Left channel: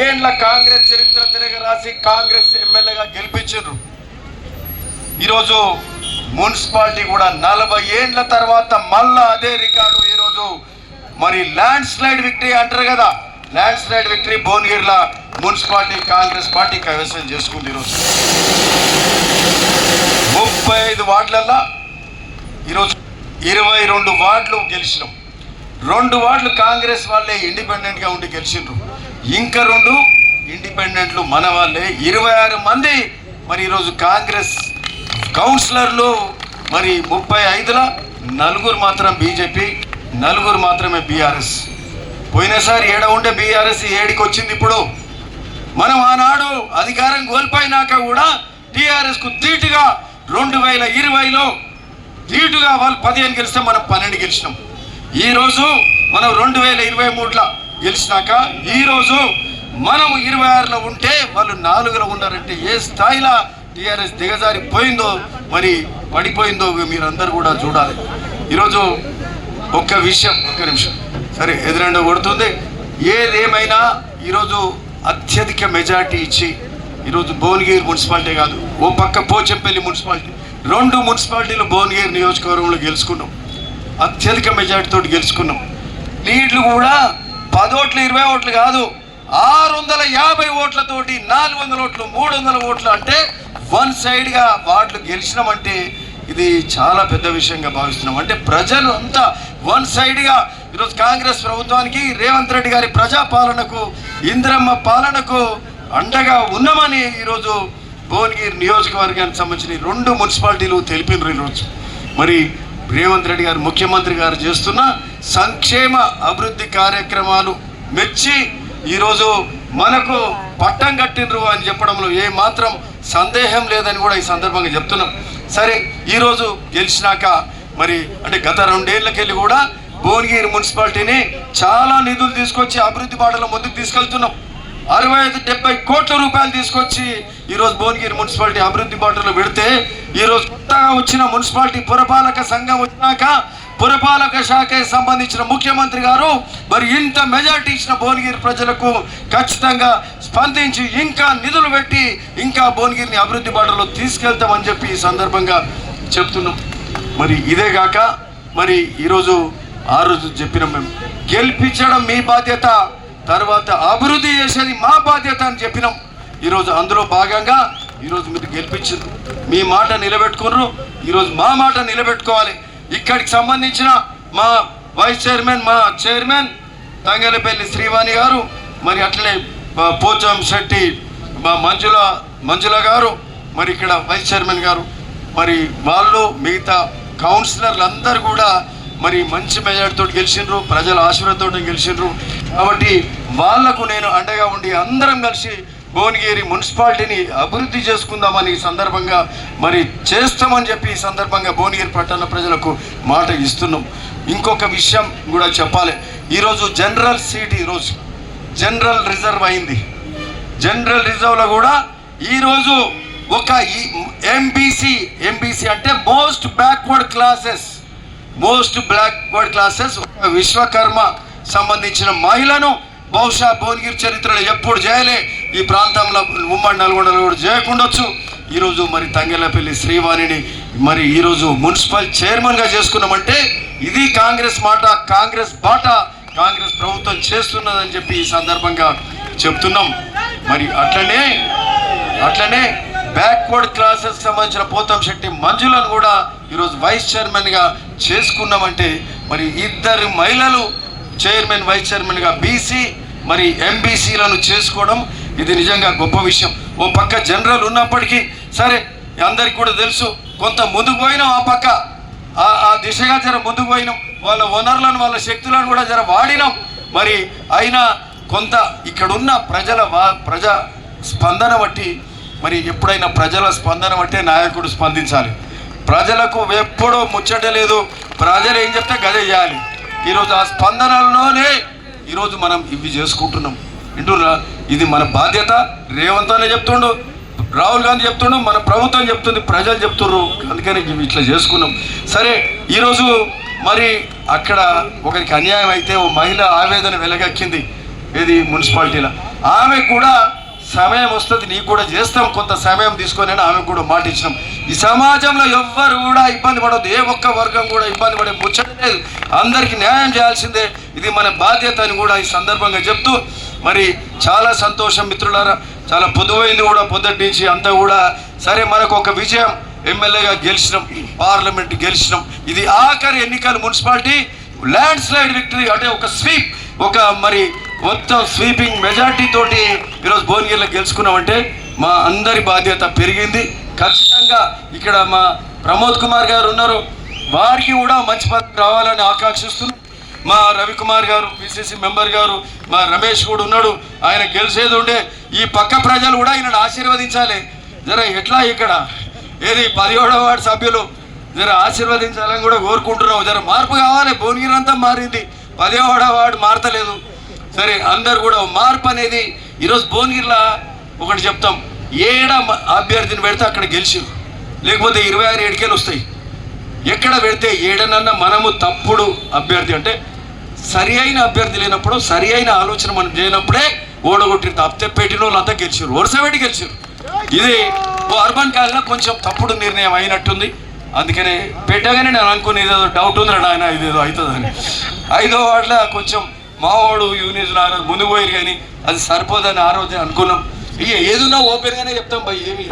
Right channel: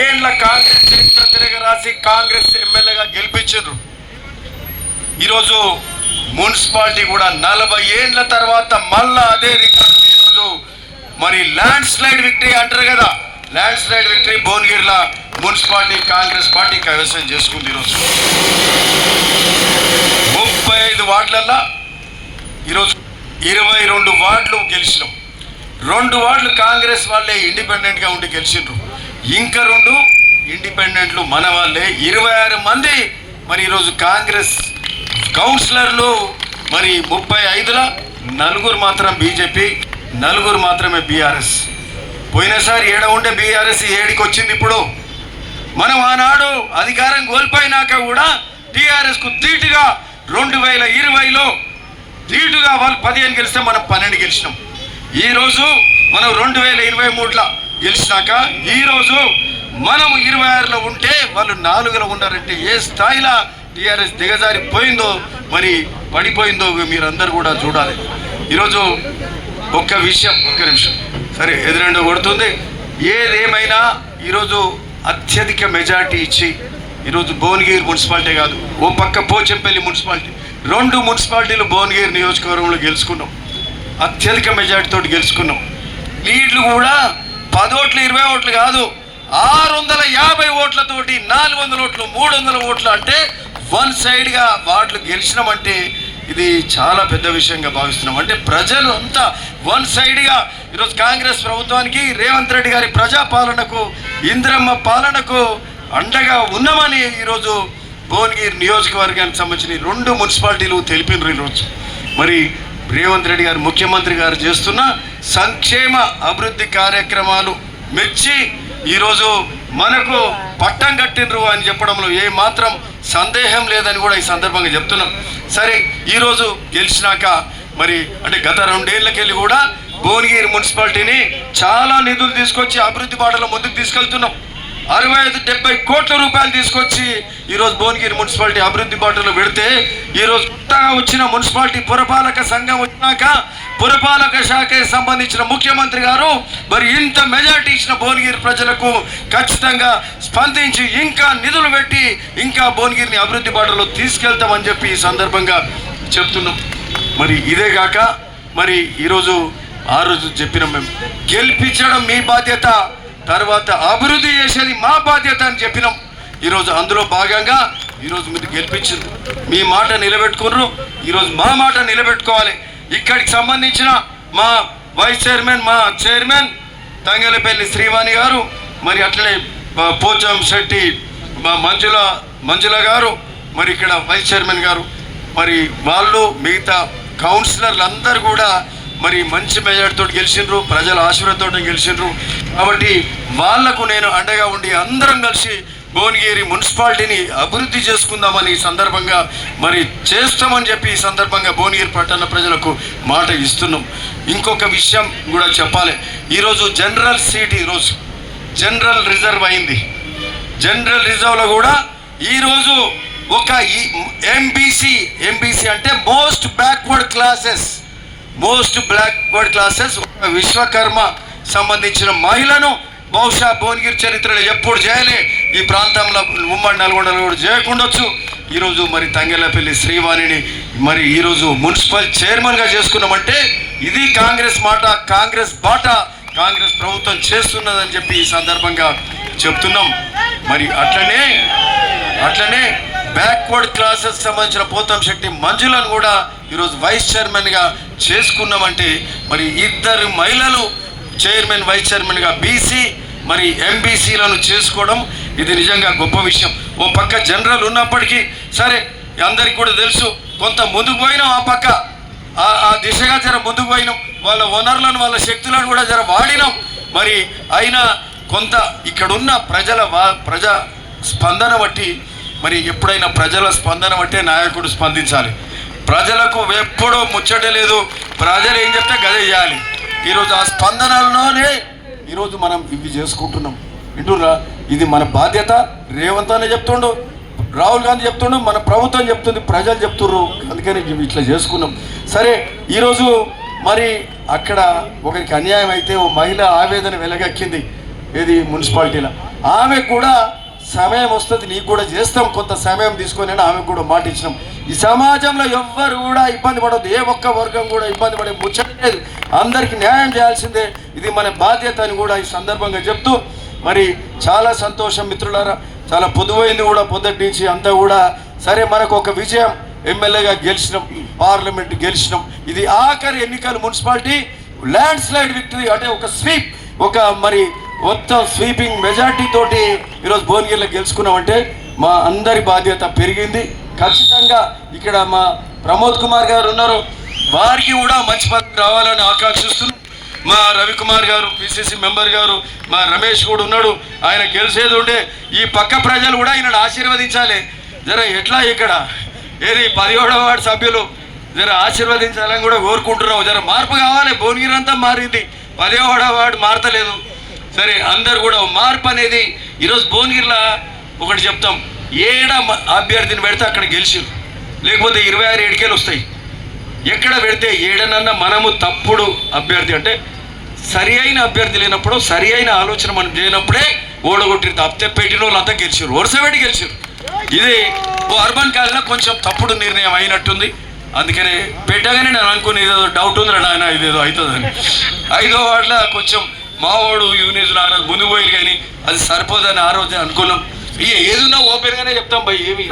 ఏళ్ళ కాంగ్రెస్ చరిత్ర తిరగరాసి కాంగ్రెస్ ఎమ్మెల్యేగా గెలిపించారు. ఈరోజు మున్సిపాలిటీ కూడా 40 ఏళ్ల తర్వాత మళ్ళా అదే రికార్డు. ఈరోజు మరి ల్యాండ్ స్లైడ్ విక్టరీ అంటారు కదా, ల్యాండ్ స్లైడ్ విక్టరీ భువనగిరిలో మున్సిపాలిటీ కాంగ్రెస్ పార్టీ కైవసం చేసుకుంది. ఈరోజు 35 వార్డులలో ఈరోజు 22 వార్డులు గెలిచినాం. 2 వార్డులు కాంగ్రెస్ వాళ్ళే ఇండిపెండెంట్గా ఉండి గెలిచిండ్రు, ఇంకా 2 ఇండిపెండెంట్లు మన వాళ్ళే. 26 మంది మరి ఈరోజు కాంగ్రెస్ కౌన్సిలర్లు. మరి 35లో 4 మాత్రం బీజేపీ, 4 మాత్రమే బీఆర్ఎస్. పోయినసారి 7 ఉండే బీఆర్ఎస్ 7కి వచ్చింది. ఇప్పుడు మనం ఆనాడు అధికారం కోల్పోయినాక కూడా టీఆర్ఎస్కు ధీటుగా 2020లో ధీటుగా వాళ్ళు 15 గెలిస్తే మనం 12 గెలిచినాం. ఈరోజు మనం 2023లో గెలిచినాక ఈరోజు మనం 26లో ఉంటే వాళ్ళు 4లో ఉన్నారంటే ఏ స్థాయిలో టీఆర్ఎస్ దిగజారిపోయిందో, మరి పడిపోయిందో మీరందరూ కూడా చూడాలి. ఈరోజు ఒక్క విషయం, ఒక్క నిమిషం, సరే ఎదురెండో కొడుతుంది. ఏదేమైనా ఈరోజు అత్యధిక మెజార్టీ ఇచ్చి ఈరోజు భువనగిరి మున్సిపాలిటీ కాదు, ఓ పక్క పోచంపల్లి మున్సిపాలిటీ, 2 మున్సిపాలిటీలు భువనగిరి నియోజకవర్గంలో గెలుచుకున్నాం. అత్యధిక మెజార్టీతో గెలుచుకున్నాం. లీడ్లు కూడా 10 ఓట్లు 20 ఓట్లు కాదు, 650 ఓట్లతోటి 400 ఓట్లు 300 ఓట్లు అంటే 1 సైడ్గా వార్డులు గెలిచినామంటే ఇది చాలా పెద్ద విషయంగా భావిస్తున్నాం. అంటే ప్రజలు అంతా 1 సైడ్గా ఈరోజు కాంగ్రెస్ ప్రభుత్వానికి, రేవంత్ రెడ్డి గారి ప్రజాపాలనకు, ఇందిరమ్మ పాలనకు అండగా ఉన్నామని ఈరోజు భువనగిరి నియోజకవర్గానికి సంబంధించిన 2 మున్సిపాలిటీలు తెలిపినారు. ఈరోజు మరి రేవంత్ రెడ్డి గారు ముఖ్యమంత్రి గారు చేస్తున్న సంక్షేమ అభివృద్ధి కార్యక్రమాలు మెచ్చి ఈరోజు మనకు పట్టం కట్టినరు అని చెప్పడంలో ఏ మాత్రం సందేహం లేదని కూడా ఈ సందర్భంగా చెప్తున్నాం. సరే ఈరోజు గెలిచినాక మరి అంటే గత 2 ఏళ్ళకెళ్ళి కూడా భువనగిరి మున్సిపాలిటీని చాలా నిధులు తీసుకొచ్చి అభివృద్ధి బాటలో ముందుకు తీసుకెళ్తున్నాం. 65-70 కోట్ల రూపాయలు తీసుకొచ్చి ఈరోజు భువనగిరి మున్సిపాలిటీ అభివృద్ధి బాటలో పెడితే ఈరోజు కొత్తగా వచ్చిన మున్సిపాలిటీ పురపాలక సంఘం వచ్చినాక పురపాలక శాఖకి సంబంధించిన ముఖ్యమంత్రి గారు మరి ఇంత మెజార్టీ ఇచ్చిన భువనగిరి ప్రజలకు ఖచ్చితంగా స్పందించి ఇంకా నిధులు పెట్టి ఇంకా భువనగిరిని అభివృద్ధి బాటలో తీసుకెళ్తామని చెప్పి ఈ సందర్భంగా చెప్తున్నాం. మరి ఇదే కాక మరి ఈరోజు ఆ రోజు చెప్పినాం, మేము గెలిపించడం మీ బాధ్యత, తర్వాత అభివృద్ధి చేసేది మా బాధ్యత అని చెప్పినాం. ఈరోజు అందులో భాగంగా ఈరోజు మీరు గెలిపించారు, మీ మాట నిలబెట్టుకున్నారు. ఈరోజు మా మాట నిలబెట్టుకోవాలి. ఇక్కడికి సంబంధించిన మా వైస్ చైర్మన్, మా చైర్మన్ తంగెలపల్లి శ్రీవాణి గారు, మరి అట్లనే పోచం శెట్టి మా మంజుల గారు, మరి ఇక్కడ వైస్ చైర్మన్ గారు, మరి వాళ్ళు మిగతా కౌన్సిలర్లు అందరూ కూడా మరి మంచి మెజార్టీతో గెలిచిండ్రు, ప్రజల ఆశీర్వాదంతో గెలిచిండ్రు. కాబట్టి వాళ్లకు నేను అండగా ఉండి అందరం కలిసి భువనగిరి మున్సిపాలిటీని అభివృద్ధి చేసుకుందామని ఈ సందర్భంగా మరి చేస్తామని చెప్పి ఈ సందర్భంగా భువనగిరి పట్టణ ప్రజలకు మాట ఇస్తున్నాం. ఇంకొక విషయం కూడా చెప్పాలి. ఈరోజు జనరల్ సీట్ ఈరోజు జనరల్ రిజర్వ్ అయింది. జనరల్ రిజర్వ్లో కూడా ఈరోజు ఒక ఎంబీసీ అంటే మోస్ట్ బ్యాక్వర్డ్ క్లాసెస్ విశ్వకర్మ సంబంధించిన మహిళను బహుశా భువనగిరి చరిత్రలో ఎప్పుడు చేయలే, ఈ ప్రాంతంలో ఉమ్మడి నల్గొండలో కూడా చేయకుండొచ్చు. ఈరోజు మరి తంగెలపల్లి శ్రీవాణిని మరి ఈరోజు మున్సిపల్ చైర్మన్గా చేసుకున్నామంటే ఇది కాంగ్రెస్ మాట, కాంగ్రెస్ బాట కాంగ్రెస్ ప్రభుత్వం చేస్తున్నదని చెప్పి ఈ సందర్భంగా చెప్తున్నాం. మరి అట్లనే బ్యాక్వర్డ్ క్లాసెస్ సంబంధించిన పోతం శెట్టి మంజులను కూడా ఈరోజు వైస్ చైర్మన్గా చేసుకున్నామంటే మరి 2 మహిళలు చైర్మన్ వైస్ చైర్మన్గా బీసీ మరి ఎంబీసీలను చేసుకోవడం ఇది నిజంగా గొప్ప విషయం. ఓ పక్క జనరల్ ఉన్నప్పటికీ సరే అందరికి కూడా తెలుసు, కొంత ముందుకు పోయినాం, ఆ పక్క ఆ దిశగా జర ముందుకు పోయినాం, వాళ్ళ వనరులను వాళ్ళ శక్తులను కూడా జర వాడినాం. మరి అయినా కొంత ఇక్కడున్న ప్రజా స్పందన బట్టి మరి ఎప్పుడైనా ప్రజల స్పందన బట్టే నాయకుడు స్పందించాలి. ప్రజలకు ఎప్పుడూ ముచ్చట లేదు, ప్రజలు ఏం చెప్తే గదే చేయాలి. ఈరోజు ఆ స్పందనలోనే ఈరోజు మనం ఇవి చేసుకుంటున్నాం. వింటున్నా, ఇది మన బాధ్యత. రేవంత్ అనే చెప్తుండు, రాహుల్ గాంధీ చెప్తుండు, మన ప్రభుత్వం చెప్తుంది, ప్రజలు చెప్తున్నారు. అందుకని ఇట్లా చేసుకున్నాం. సరే ఈరోజు మరి అక్కడ ఒకరికి అన్యాయం అయితే ఓ మహిళ ఆవేదన వెలగక్కింది, ఏది మున్సిపాలిటీలో. ఆమె కూడా సమయం వస్తుంది, నీకు కూడా చేస్తాం కొంత సమయం తీసుకొని ఆమె కూడా మాట ఇచ్చినాం. ఈ సమాజంలో ఎవ్వరు కూడా ఇబ్బంది పడవద్దు, ఏ ఒక్క వర్గం కూడా ఇబ్బంది పడే ముచ్చట లేదు, అందరికీ న్యాయం చేయాల్సిందే, ఇది మన బాధ్యత అని కూడా ఈ సందర్భంగా చెప్తూ మరి చాలా సంతోషం మిత్రులారా. చాలా పొదువైంది కూడా పొద్దుటి నుంచి అంతా కూడా. సరే, మనకు ఒక విజయం, ఎమ్మెల్యేగా గెలిచినాం, పార్లమెంట్ గెలిచినాం. ఇది ఆఖరి ఎన్నికలు, మున్సిపాలిటీ ల్యాండ్ స్లైడ్ విక్టరీ, అంటే ఒక స్వీప్, ఒక మరి మొత్తం స్వీపింగ్ మెజార్టీ తోటి ఈరోజు భువనగిరిలో గెలుచుకున్నామంటే మా అందరి బాధ్యత పెరిగింది. ఖచ్చితంగా ఇక్కడ మా ప్రమోద్ కుమార్ గారు ఉన్నారు, వారికి కూడా మంచి పదవి రావాలని ఆకాంక్షిస్తున్నాం. మా రవికుమార్ గారు పిసిసి మెంబర్ గారు, మా రమేష్ కూడా ఉన్నాడు, ఆయన గెలిచేది ఉండే. ఈ పక్క ప్రజలు కూడా ఆయనను ఆశీర్వదించాలి. జర ఎట్లా ఇక్కడ ఏది 17వ వార్డు సభ్యులు జర ఆశీర్వదించాలని కూడా కోరుకుంటున్నాం. జర మార్పు కావాలి, భువనగిరి అంతా మారింది, 10వ వార్డు మారతలేదు. సరే, అందరు కూడా మార్పు అనేది ఈరోజు భువనగిరిలో ఒకటి చెప్తాం, ఏడ అభ్యర్థిని పెడితే అక్కడ గెలిచిరు, లేకపోతే 26 ఏడికేలు వస్తాయి. ఎక్కడ పెడితే ఏడనన్నా మనము తప్పుడు అభ్యర్థి అంటే సరి అయిన అభ్యర్థి లేనప్పుడు, సరి అయిన ఆలోచన మనం చేయనప్పుడే ఓడగొట్టిరు. తప్పితే పెట్టిన వాళ్ళు అంతా గెలిచారు, వరుస పెట్టి గెలిచారు. ఇది అర్బన్ కాలంలో కొంచెం తప్పుడు నిర్ణయం అయినట్టుంది, అందుకనే పెట్టగానే నేను అనుకుని ఏదో డౌట్ ఉంది ఆయన ఇదేదో అవుతుందని. 5వ వార్డులో కొంచెం మావాడు యూనియన్ ముందు పోయి కానీ అది సరిపోదని ఆ రోజే అనుకున్నాం. ఇక ఏదున్నా ఓపెన్గానే చెప్తాం భయ్, ఏమి